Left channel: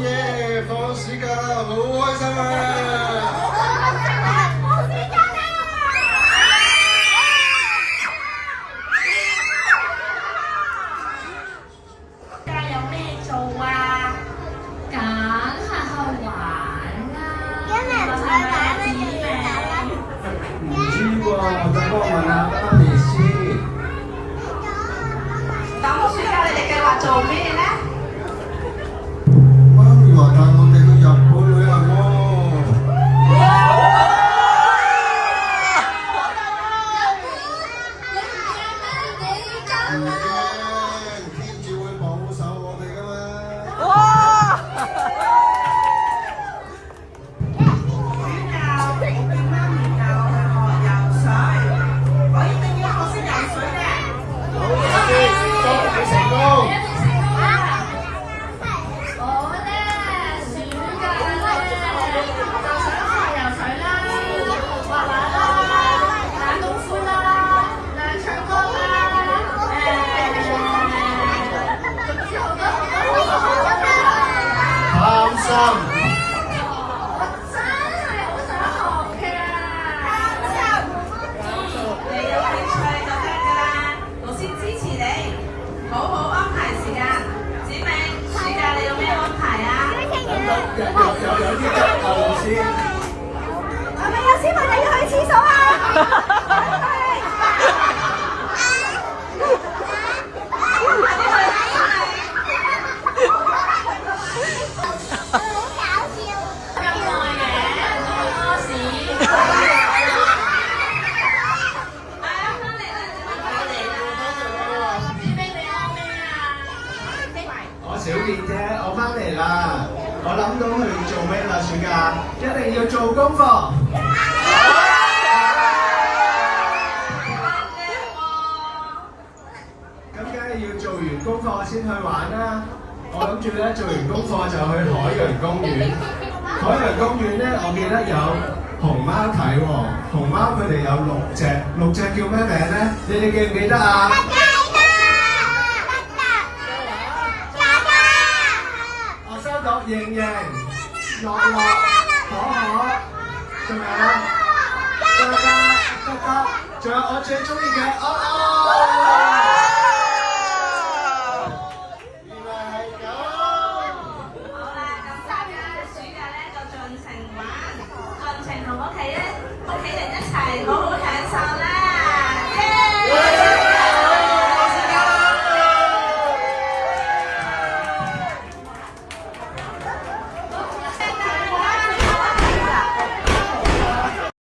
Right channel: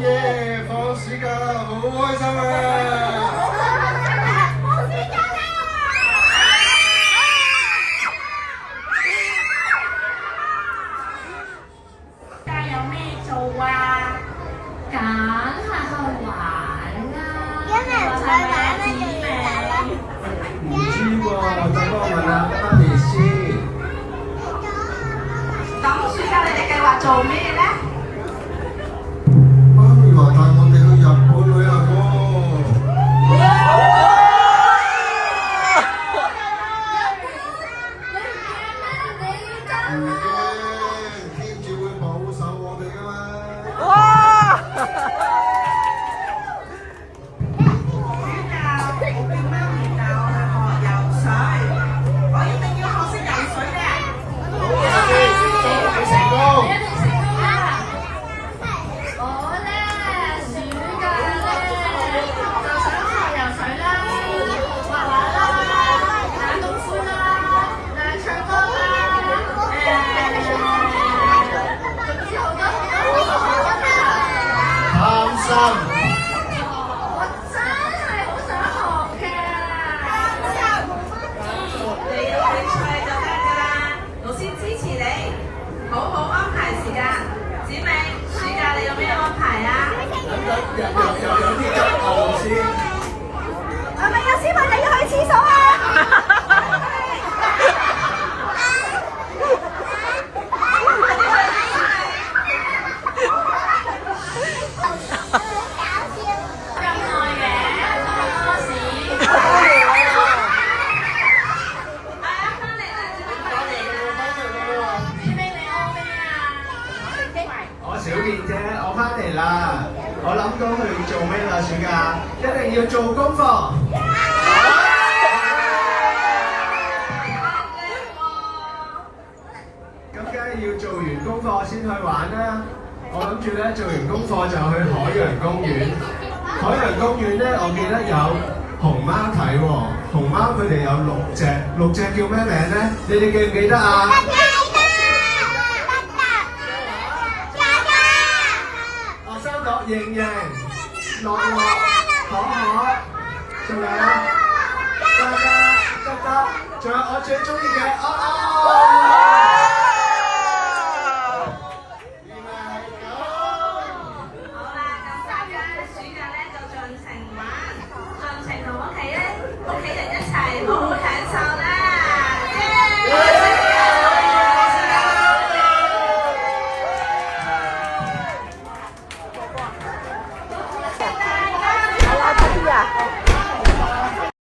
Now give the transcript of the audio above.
耶！放暑假啦，好開心啊！放暑假啦！假有咩做啊？梗係去玩啦！因為唔去玩咩就要走啦。唔知喎，等我問下媽咪先。咁暑假你哋計劃做咩咧？媽咪話帶我哋去日本旅行喎。唔驚，天主會保守我哋㗎嘛。哇！暑假我見媽咪教我係學游水，我一定要學識游水嘅。好，阿基，祝你成功。我咧暑假咧就想學游水啦、畫畫啦、打功夫啦、唱歌啦，總之好多貪心。我真係好想學嘅。你有興趣就得㗎啦，老師支持你，好好安排時間。子明，暑假你有咩安排啊？有啲急務先。係咪有小朋友要去廁所啊？我小燕姐，我翻嚟啦！我諗到佢哋做咩啦？暑假一定要做功課。咁梗係要做完功課先去玩啦！我諗住咧做完功課就去海洋公園。海洋公園咧，我記得有熊貓睇喎。熊貓佢哋有6隻叫咩名咧？你哋記唔記得啊？我收到盈盈、樂樂、可可，仲有嘉嘉、德德，仲有我最中意嘅